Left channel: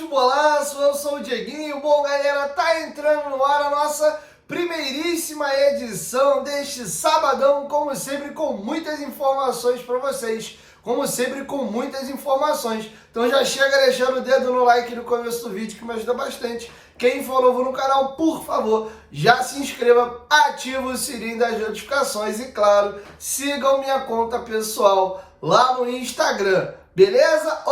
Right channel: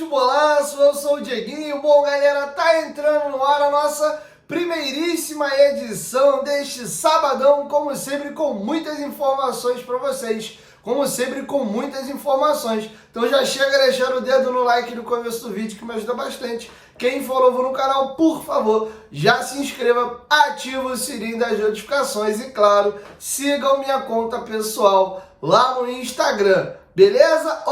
Futebolaço, eu sou o Dieguinho. Bom, galera, tá entrando no ar a nossa primeiríssima edição deste sabadão, como sempre, com muitas informações para vocês. Como sempre, com muitas informações. Então já chega deixando o dedo no like no começo do vídeo, que me ajuda bastante. Quem for novo no canal, por favor, já se inscreva, ativa o sininho das notificações e, claro, sigam minha conta pessoal lá no Instagram, beleza?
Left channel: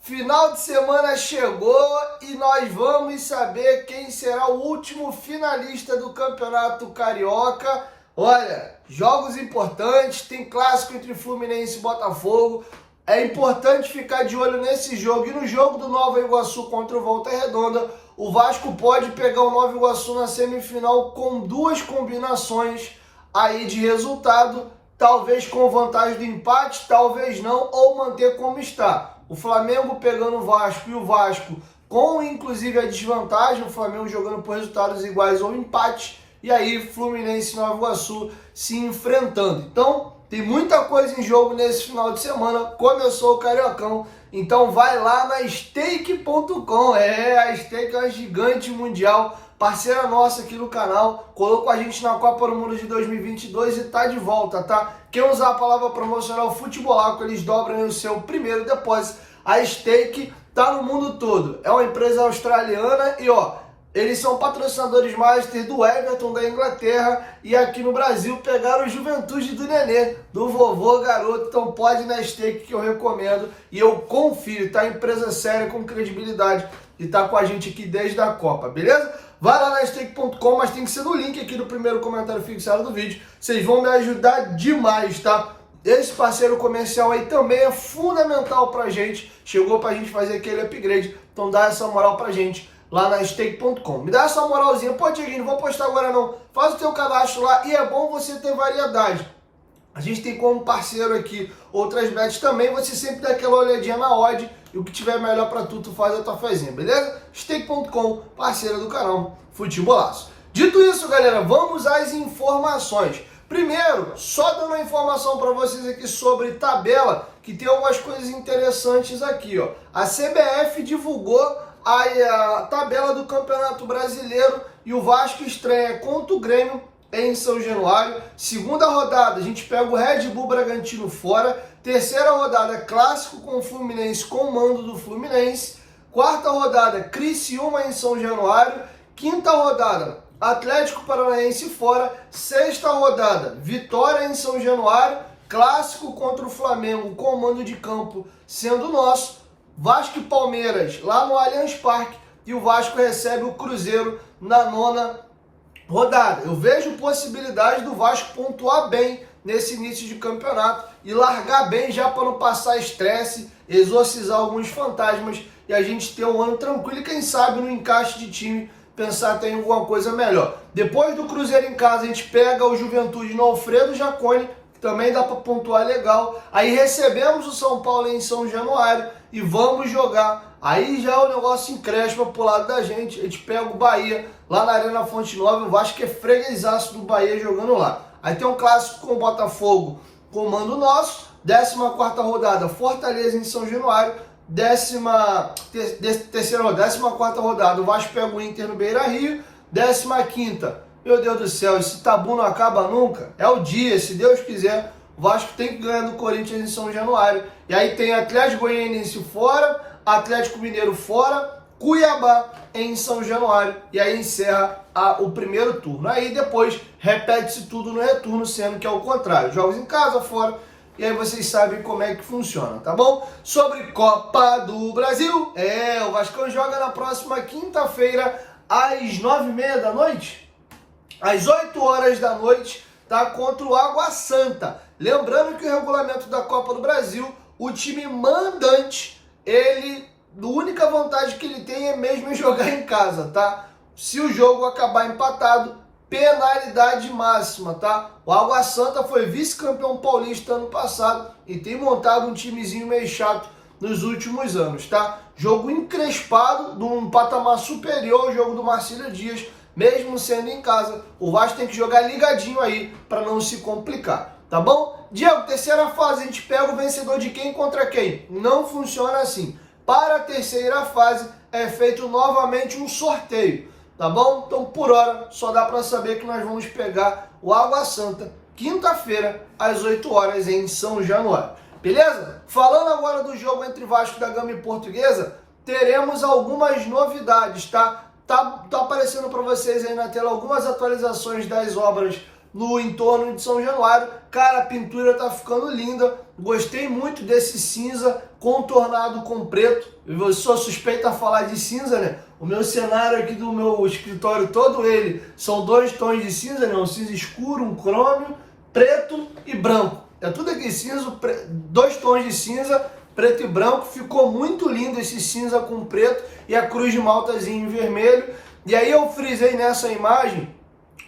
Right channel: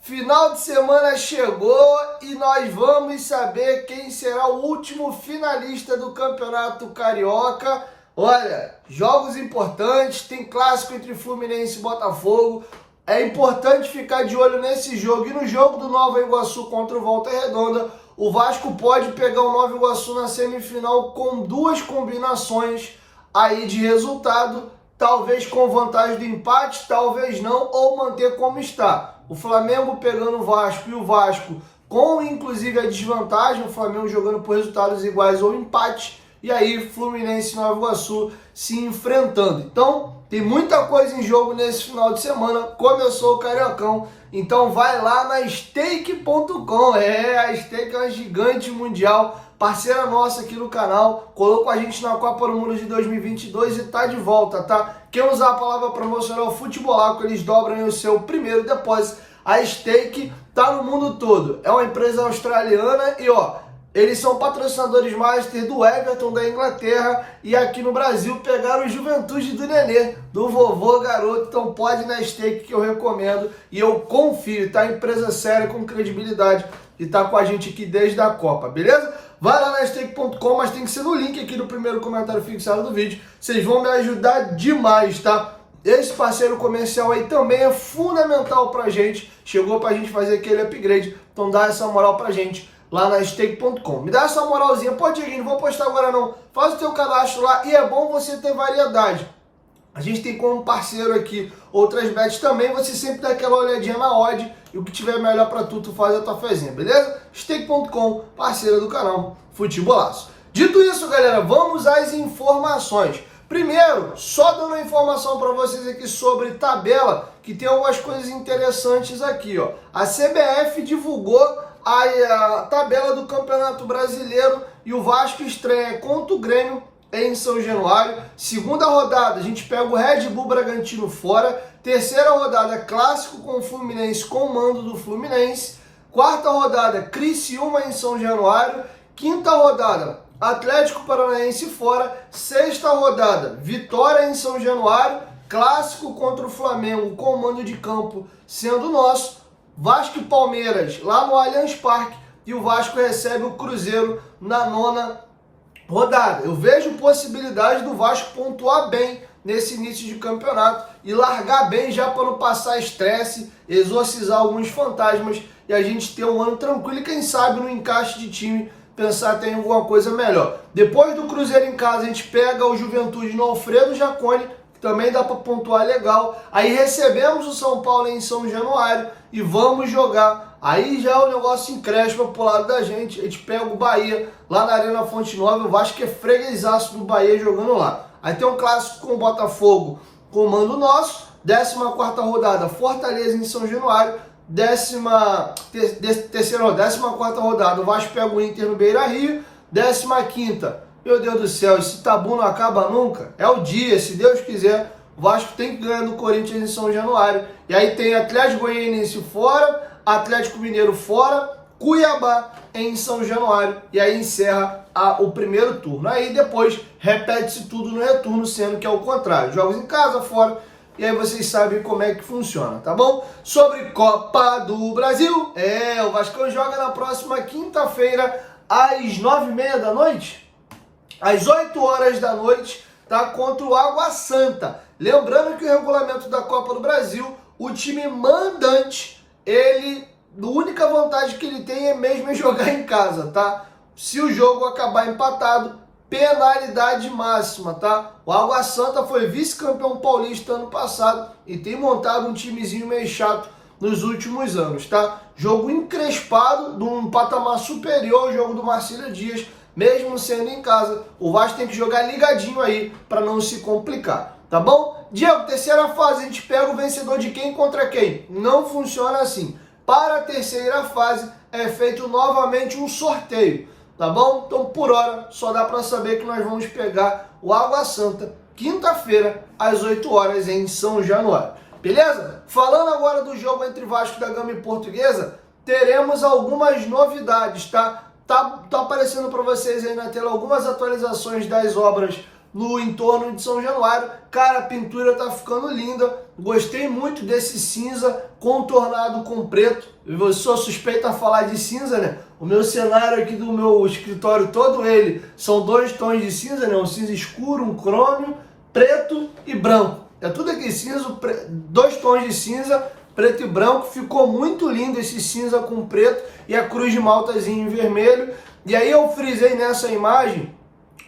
Final de semana chegou e nós vamos saber quem será o último finalista do Campeonato Carioca. Olha, jogos importantes, tem clássico entre Fluminense e Botafogo. É importante ficar de olho nesse jogo. E no jogo do Nova Iguaçu contra o Volta Redonda, o Vasco pode pegar o Nova Iguaçu na semifinal com duas combinações aí de resultado. Talvez com vantagem do empate, talvez não, ou manter como está. O Flamengo pegando o Vasco e o Vasco com inclusive a desvantagem, o Flamengo jogando por resultados iguais ou empate. E aí, Fluminense e Nova Iguaçu se enfrentando. Então, tem muita coisa em jogo nesse final de semana. Começou o Cariocão. Então, vai lá na Stake.com. A Stake é uma gigante mundial, parceira nossa aqui no canal. Colocou a gente na Copa do Mundo de 2022 e tá de volta, tá? Quem usar a palavra promocional Futebolaco, eles dobram o seu primeiro depósito. A Stake tá no mundo todo. É uma empresa australiana e, eles são patrocinadores master do Everton da Inglaterra e aqui no Brasil pegaram o Juventude do Nenê, do vovô garoto. Então pode ir na Stake que eu recomendo e eu confio, tá? Empresa séria, com credibilidade e tá com a gente aqui desde a Copa, beleza? Vai lá na Stake.com, mas tem que ser no link aqui do primeiro comentário fixado do vídeo. Vocês vão me ajudar demais, tá? Esse parceiro comercial aí também é fundamental pra gente. Chegou pra gente fazer aquele upgrade, então dá essa moral pra gente lá na Stake.com. Me dá essa moralzinha. Pô, Dieguinho, não vou postar agora não. Faz o teu cadastro lá e é bom você ter variedade. A gente tem como parceiro aqui outras bets também. Você sempre dá aquela olhadinha na odd e o que tiver melhor pra tu faz a tua fezinha, beleza? Stake.com, parceira do canal Futebolaço. Dito isso, galera, vamos às informações. Primeiro, só dando uma informação para vocês aqui sobre tabela, que tem algumas coisas interessantes aqui, A CBF divulgou a tabela do Campeonato Brasileiro e o Vasco estreia contra o Grêmio em São Januário. Segunda rodada, a gente pega o Red Bull Bragantino fora. Terceira rodada, clássico com o Fluminense, com o mando do Fluminense. Quarta rodada, Criciúma em São Januário. Quinta rodada, Atlético Paranaense fora. Sexta rodada, Vitória em São Januário. Clássico contra o Flamengo, com o mando de campo sendo nosso. Vasco e Palmeiras lá no Allianz Parque e o Vasco recebe o Cruzeiro na nona rodada. Eu vejo possibilidade do Vasco pontuar bem nesse início de campeonato e largar bem já para não passar estresse, exorcizar alguns fantasmas e a gente ter um ano tranquilo e quem sabe no encaixe de time pensar até em alguma coisa melhor. Depois do Cruzeiro em casa a gente pega o Juventude no Alfredo Jaconi, que também dá para pontuar legal. Aí recebemos o São Paulo em São Januário e vamos jogar. Aí já o negócio encrespa pro lado da gente. A gente pega o Bahia lá na Arena Fonte Nova. Eu acho que é freguesaço do Bahia jogando lá. Aí tem um clássico com o Botafogo, comando nosso. 14ª rodada, Fortaleza em São Januário. 14ª rodada, o Vasco pega o Inter no Beira-Rio. 15ª, meu Deus do céu, esse tabu não acaba nunca. É o dia, se Deus quiser. O Vasco tem que ganhar do Corinthians em São Januário. E aí tem Atlético Goianiense fora, Atlético Mineiro fora, Cuiabá em São Januário. E aí encerra o primeiro turno. Aí depois repete-se tudo no retorno, sendo que é o contrário. Jogos em casa, fora. E aí vocês sabem como é que funciona, tá bom? Sobre Copa do Brasil. O Vascão joga na próxima quinta-feira às 9h30 da noite. Às 8 horas da noite, tá? Contra o Água Santa. Lembrando que o regulamento da Copa do Brasil, o time mandante, a única vantagem que ele tem é mesmo jogar em casa, tá? Se o jogo acabar empatado, penalidade máxima, tá? O Água Santa foi vice-campeão paulista ano passado e tem montado um timezinho meio chato nos últimos anos, tá? Jogo encrespado, num patamar superior ao jogo do Marcílio Dias. Mesmo sendo em casa, o Vasco tem que jogar ligadinho aí para não se complicar, tá bom? Diego, terceira fase, a gente pega o vencedor de quem contra quem? Não funciona assim. Para a terceira fase é feito novamente um sorteio, tá bom? Então, por hora, só dá para saber que nós vamos pegar o Água Santa quinta-feira, às 8 horas, em São Januário. Beleza? Falando agora do jogo entre Vasco da Gama e Portuguesa, teremos algumas novidades, tá? Tá aparecendo para vocês aí na tela algumas atualizações das obras no entorno de São Januário. Cara, a pintura tá ficando linda. Gostei muito desse cinza contornado com preto. Eu sou suspeito a falar de cinza, né? O meu cenário aqui do meu escritório, todo ele, são 2 tons de cinza, né? Um cinza escuro, um crômio, preto e branco. É tudo aqui cinza, 2 tons de cinza, preto e branco. Ficou muito lindo esse cinza com preto e a cruz de maltazinho em vermelho. E aí eu frisei nessa imagem,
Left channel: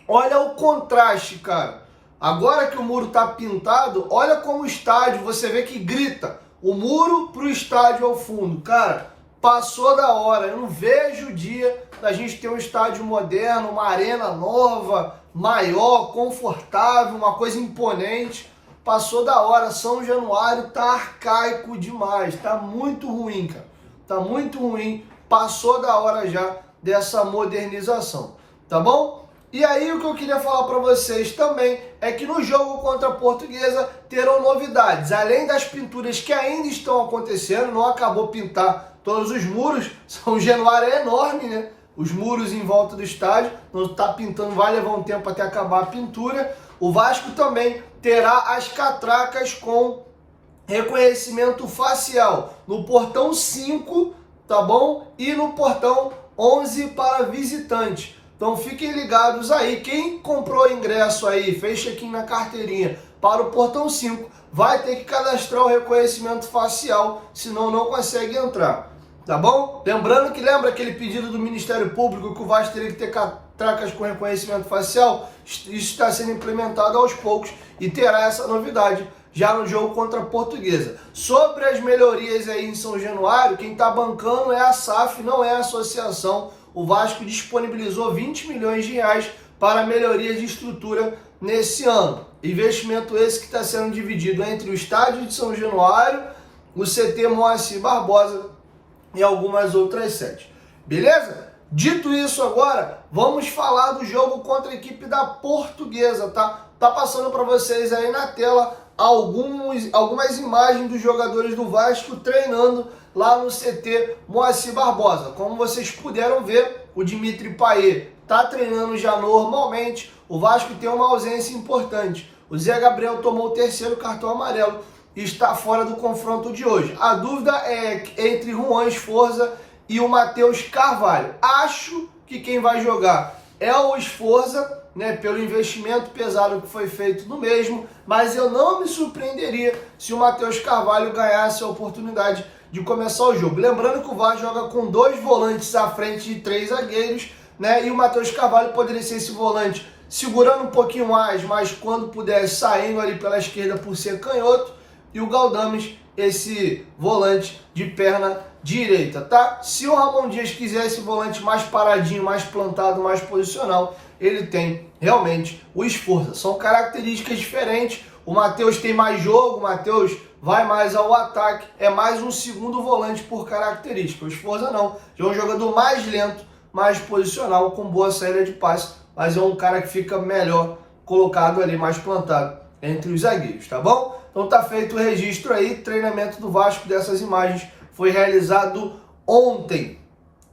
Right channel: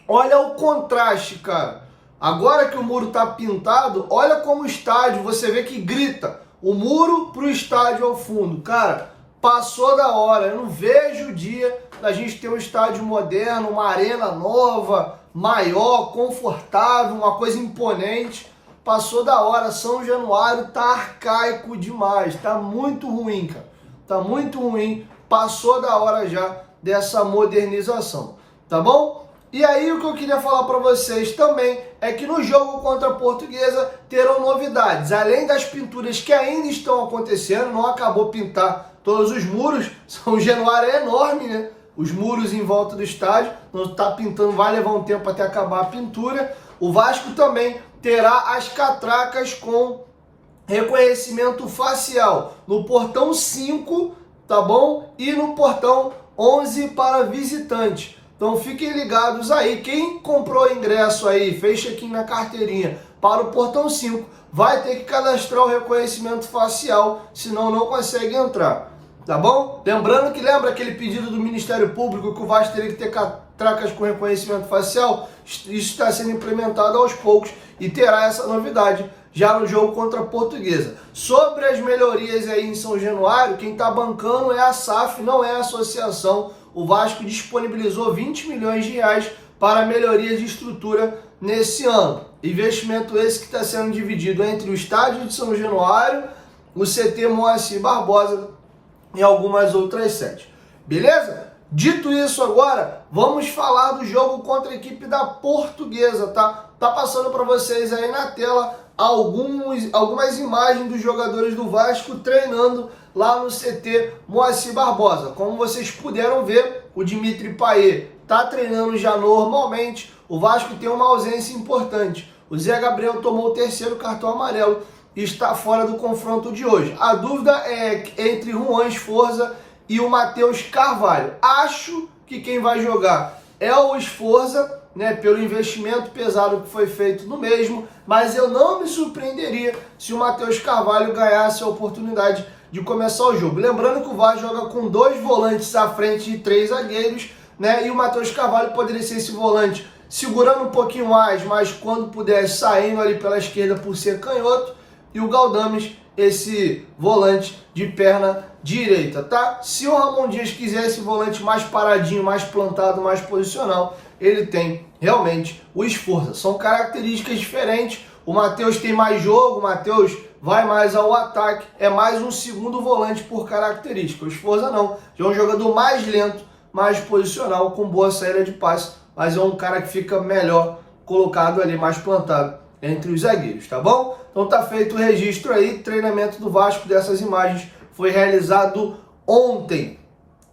olha o contraste, cara. Agora que o muro tá pintado, olha como o estádio, você vê que grita. O muro pro estádio ao fundo. Cara, passou da hora. Eu não vejo o dia da gente ter um estádio moderno, uma arena nova, maior, confortável, uma coisa imponente. Passou da hora. São Januário tá arcaico demais. Tá muito ruim, cara. Tá muito ruim. Passou da hora já dessa modernização. Tá bom? E aí o que eu queria falar para vocês também é que no jogo contra a Portuguesa terão novidades. Além das pinturas que ainda estão acontecendo, não acabou pintar todos os muros. São Januário é enorme, né? Os muros em volta do estádio, não está pintando, vai levar um tempo até acabar a pintura. O Vasco também terá as catracas com reconhecimento facial no portão 5, tá bom? E no portão 11 para visitante. Então fiquem ligados aí, quem comprou ingresso aí, fez check-in na carteirinha para o portão 5, vai ter que cadastrar o reconhecimento facial, senão não consegue entrar, tá bom? Lembrando que lembra aquele pedido do Ministério Público que o Vasco teria que ter catracas com reconhecimento facial? Isso está sendo implementado aos poucos e terá essa novidade já no jogo contra a Portuguesa. Sobre as melhorias aí em São Januário, quem está bancando é a SAF, não é a associação. O Vasco disponibilizou 20 milhões de reais para melhoria de estrutura nesse ano. Investimento esse que está sendo dividido entre o estádio de São Januário, o CT Moacir Barbosa e algumas outras sedes. Beleza? Dito isso agora, vamos falar do jogo contra a equipe da Portuguesa, tá? Tá passando para vocês aí na tela algumas imagens dos jogadores do Vasco treinando lá no CT Moacir Barbosa. Como vocês puderam ver, o Dimitri Payet está treinando já normalmente. O Vasco tem uma ausência importante. O Zé Gabriel tomou o 3º cartão amarelo e está fora do confronto de hoje. A dúvida é entre Juan Esforza e o Matheus Carvalho. Acho que quem vai jogar é o Esforza, né, pelo investimento pesado que foi feito no mesmo, mas eu não me surpreenderia se o Matheus Carvalho ganhasse a oportunidade de começar o jogo. Lembrando que o Vasco joga com 2 volantes à frente e 3 zagueiros, né, e o Matheus Carvalho poderia ser esse volante segurando um pouquinho mais, mas quando puder saindo ali pela esquerda por ser canhoto, e o Galdames esse volante de perna direita, tá? Se o Ramon Dias quiser esse volante mais paradinho, mais plantado, mais posicional, ele tem realmente o Esforza. São características diferentes. O Matheus tem mais jogo, o Matheus vai mais ao ataque, é mais um segundo volante por característica. O Esforza não, é um jogador mais lento, mais posicional, com boa saída de passe, mas é um cara que fica melhor colocado ali, mais plantado entre os zagueiros, tá bom? Então tá feito o registro aí, treinamento do Vasco dessas imagens foi realizado ontem.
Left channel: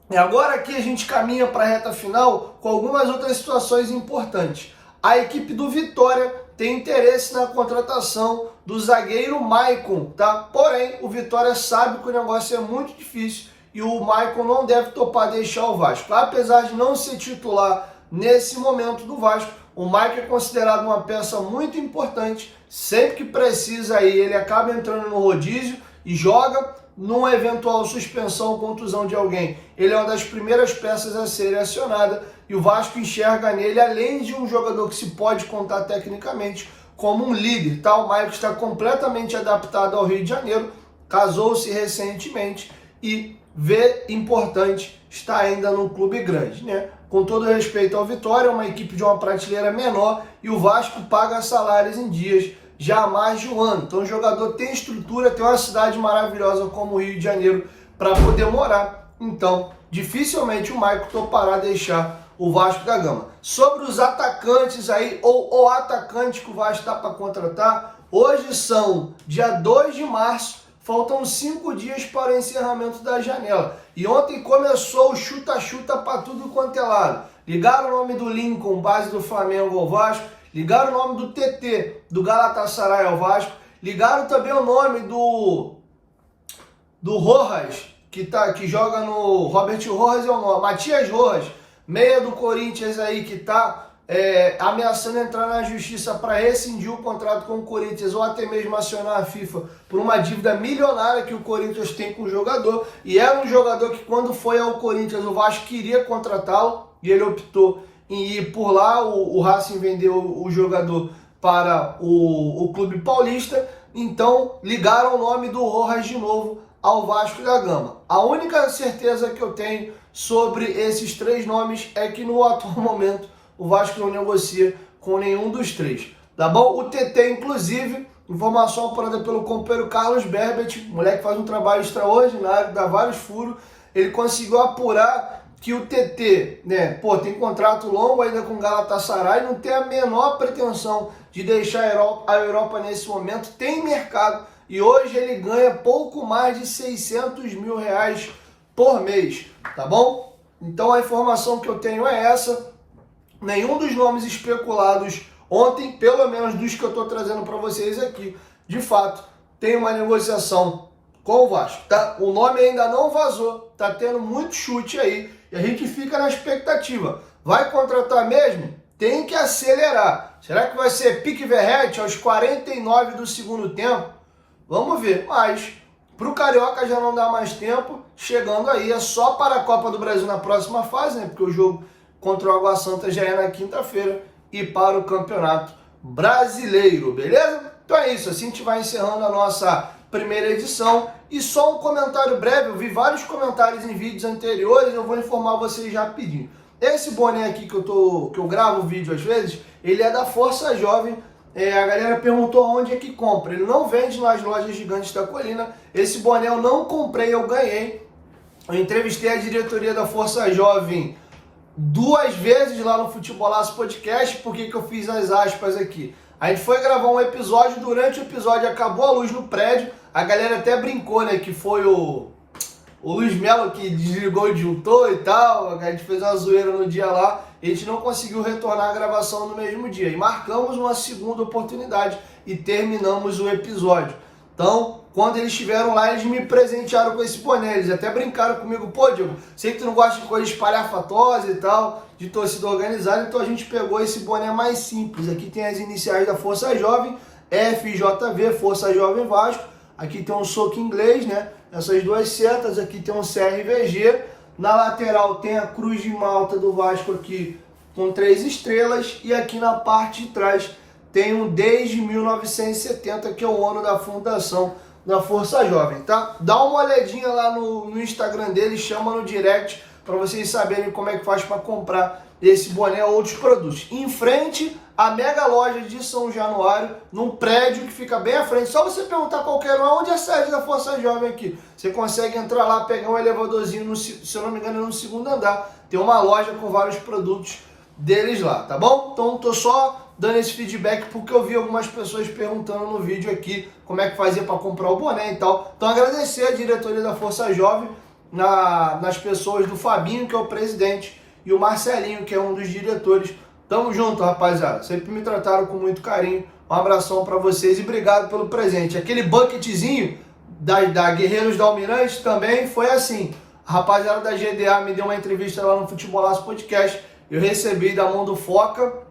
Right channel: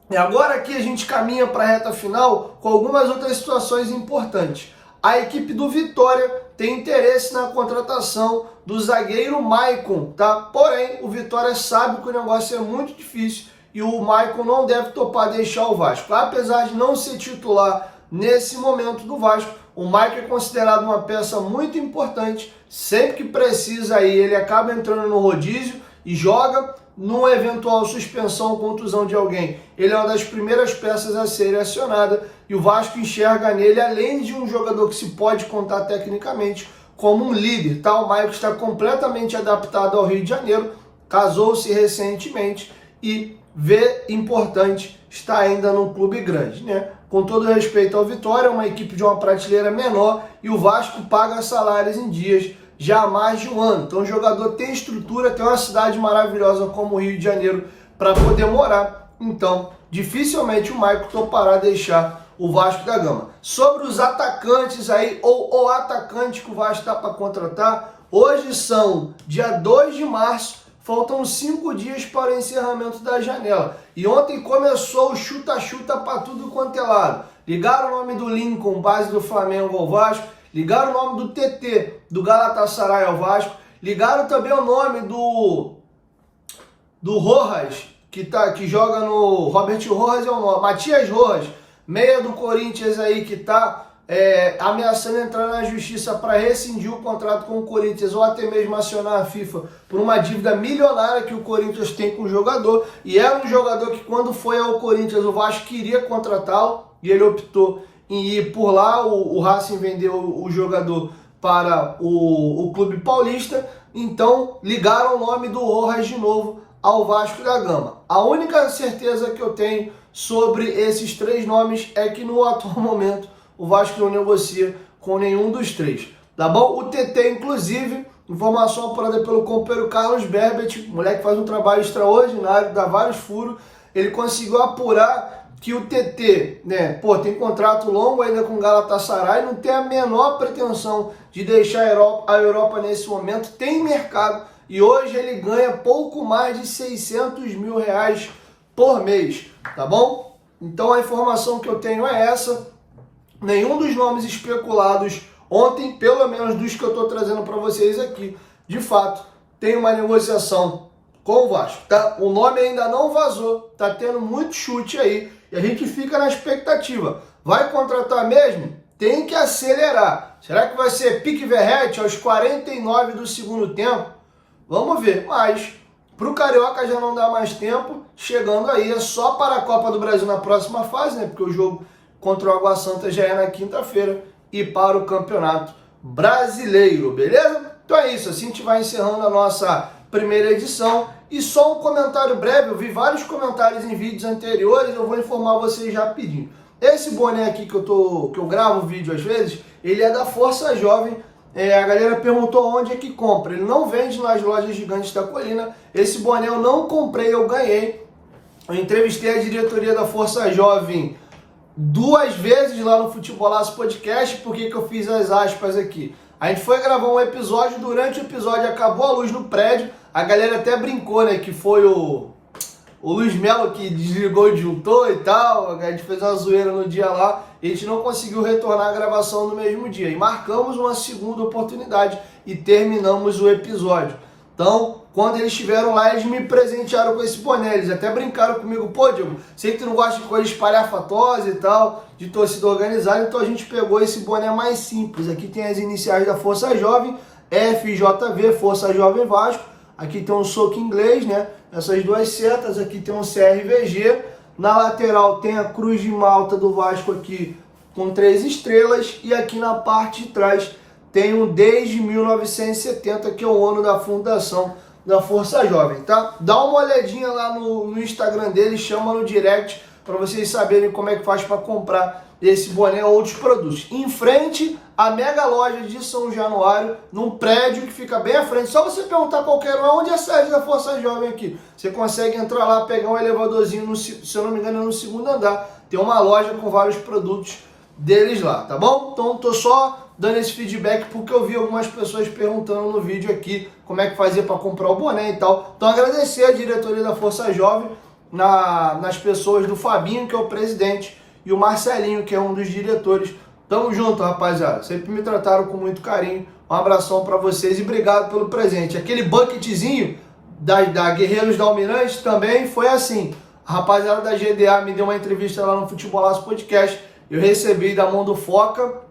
E agora aqui a gente caminha para a reta final com algumas outras situações importantes. A equipe do Vitória tem interesse na contratação do zagueiro Maicon, tá? Porém, o Vitória sabe que o negócio é muito difícil e o Maicon não deve topar deixar o Vasco. Apesar de não ser titular nesse momento do Vasco, o Maicon é considerado uma peça muito importante. Sempre que precisa aí, ele acaba entrando no rodízio e joga. Numa eventual suspensão ou contusão de alguém, ele é uma das primeiras peças a ser acionada e o Vasco enxerga nele, além de um jogador que se pode contar tecnicamente, como um líder, tá? O Maicon está completamente adaptado ao Rio de Janeiro, casou-se recentemente e vê importante estar ainda num clube grande, né? Com todo respeito ao Vitória, é uma equipe de uma prateleira menor e o Vasco paga salários em dias já há mais de um ano. Então o jogador tem estrutura, tem uma cidade maravilhosa como o Rio de Janeiro para poder morar. Então, dificilmente o Maicon topará deixar o Vasco da Gama. Sobre os atacantes aí, ou o atacante que o Vasco está para contratar, hoje são dia 2 de março, faltam 5 dias para o encerramento da janela. E ontem começou o chuta-chuta para tudo quanto é lado. Ligaram o nome do Lincoln, base do Flamengo ao Vasco. Ligaram o nome do TT, do Galatasaray ao Vasco. Ligaram também o nome do Rojas, que joga no... Robert Rojas é o nome. Matias Rojas, meia do Corinthians aí, que está ameaçando entrar na justiça para rescindir o contrato com o Corinthians ou até mesmo acionar a FIFA por uma dívida milionária que o Corinthians tem com o jogador. E era um jogador que, quando foi ao Corinthians, o Vasco queria contratá-lo e ele optou em ir por lá. O Racing vendeu o jogador para o Clube Paulista. Então ligaram o nome do Rojas de novo ao Vasco da Gama. A única certeza que eu tenho sobre esses 3 nomes é que no atual momento o Vasco não negocia com nenhum dos 3, tá bom? O TT, inclusive, informação apurada pelo companheiro Carlos Berbet, moleque que faz um trabalho extraordinário, dá vários furos, ele conseguiu apurar que o TT, né, tem contrato longo ainda com o Galatasaray, não tem a menor pretensão de deixar a Europa nesse momento, tem mercado, e hoje ele ganha pouco mais de 600 mil reais por mês, tá bom? Então a informação que eu tenho é essa. Nenhum dos nomes especulados ontem, pelo menos dos que eu estou trazendo para vocês aqui, de fato, tem uma negociação com o Vasco, tá? O nome ainda não vazou, tá tendo muito chute aí, e a gente fica na expectativa. Vai contratar mesmo? Tem que acelerar. Será que vai ser pique Verratti aos 49 do segundo tempo? Vamos ver, mas para o Carioca já não dá mais tempo, chegando aí é só para a Copa do Brasil na próxima fase, né? Porque o jogo contra o Água Santa já é na quinta-feira, e para o Campeonato Brasileiro, beleza? Então é isso, assim a gente vai encerrando a nossa primeira edição. E só um comentário breve, eu vi vários comentários em vídeos anteriores, eu vou informar vocês rapidinho. Esse boné aqui que eu gravo o vídeo às vezes, ele é da Força Jovem. A galera perguntou onde é que compra. Ele não vende nas lojas gigantes da Colina. Esse boné eu não comprei, eu ganhei. Eu entrevistei a diretoria da Força Jovem 2 vezes lá no Futebolaço Podcast. Por que eu fiz as aspas aqui? A gente foi gravar um episódio, durante o episódio acabou a luz no prédio, a galera até brincou, né, que foi o Luiz Melo que desligou o disjuntor e tal, a gente fez uma zoeira no dia lá, e a gente não conseguiu retornar a gravação no mesmo dia, e marcamos uma segunda oportunidade e terminamos o episódio. Então, quando eles estiveram lá, eles me presentearam com esse boné. Eles até brincaram comigo: pô, Diego, sei que tu não gosta de coisa espalhafatosa e tal, de torcida organizada, então a gente pegou esse boné mais simples. Aqui tem as iniciais da Força Jovem, FJV, Força Jovem Vasco. Aqui tem um soco inglês, né? Essas 2 setas, aqui tem um CRVG. Na lateral tem a Cruz de Malta do Vasco aqui com 3 estrelas. E aqui na parte de trás tem um desde 1970, que é o ano da fundação da Força Jovem, tá? Dá uma olhadinha lá no Instagram dele, chama no direct para vocês saberem como é que faz para comprar esse boné ou outros produtos. Em frente à mega loja de São Januário, num prédio que fica bem à frente. Só você perguntar qualquer um onde é a sede da Força Jovem aqui. Você consegue entrar lá, pegar um elevadorzinho, se eu não me engano, no 2º andar. Tem uma loja com vários produtos deles lá, tá bom? Então tô só dando esse feedback porque eu vi algumas pessoas perguntando no vídeo aqui como é que fazia para comprar o boné e tal. Então agradecer a diretoria da Força Jovem, nas pessoas do Fabinho, que é o presidente, e o Marcelinho, que é um dos diretores. Tamo junto, rapaziada. Sempre me trataram com muito carinho. Um abração para vocês e obrigado pelo presente. Aquele bucketzinho da Guerreiros da Almirante também foi assim. A rapaziada da GDA me deu uma entrevista lá no Futebolaço Podcast. Eu recebi da mão do Foca.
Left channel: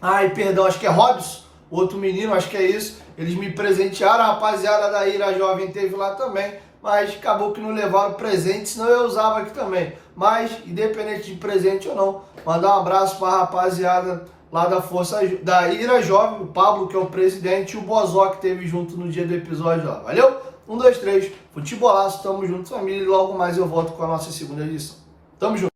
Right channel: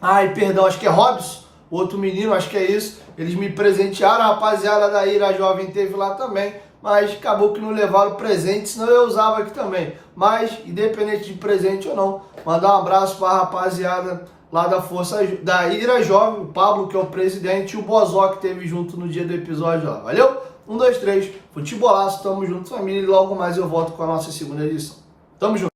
Ai, perdão, acho que é Robson, outro menino, acho que é isso. Eles me presentearam, a rapaziada da Ira Jovem teve lá também, mas acabou que não levaram presente, senão eu usava aqui também. Mas, independente de presente ou não, mandar um abraço para a rapaziada lá da Força, da Ira Jovem, o Pablo, que é o presidente, e o Bozó, que teve junto no dia do episódio lá. Valeu? 1, 2, 3, Futebolaço, tamo junto, família, e logo mais eu volto com a nossa segunda edição. Tamo junto.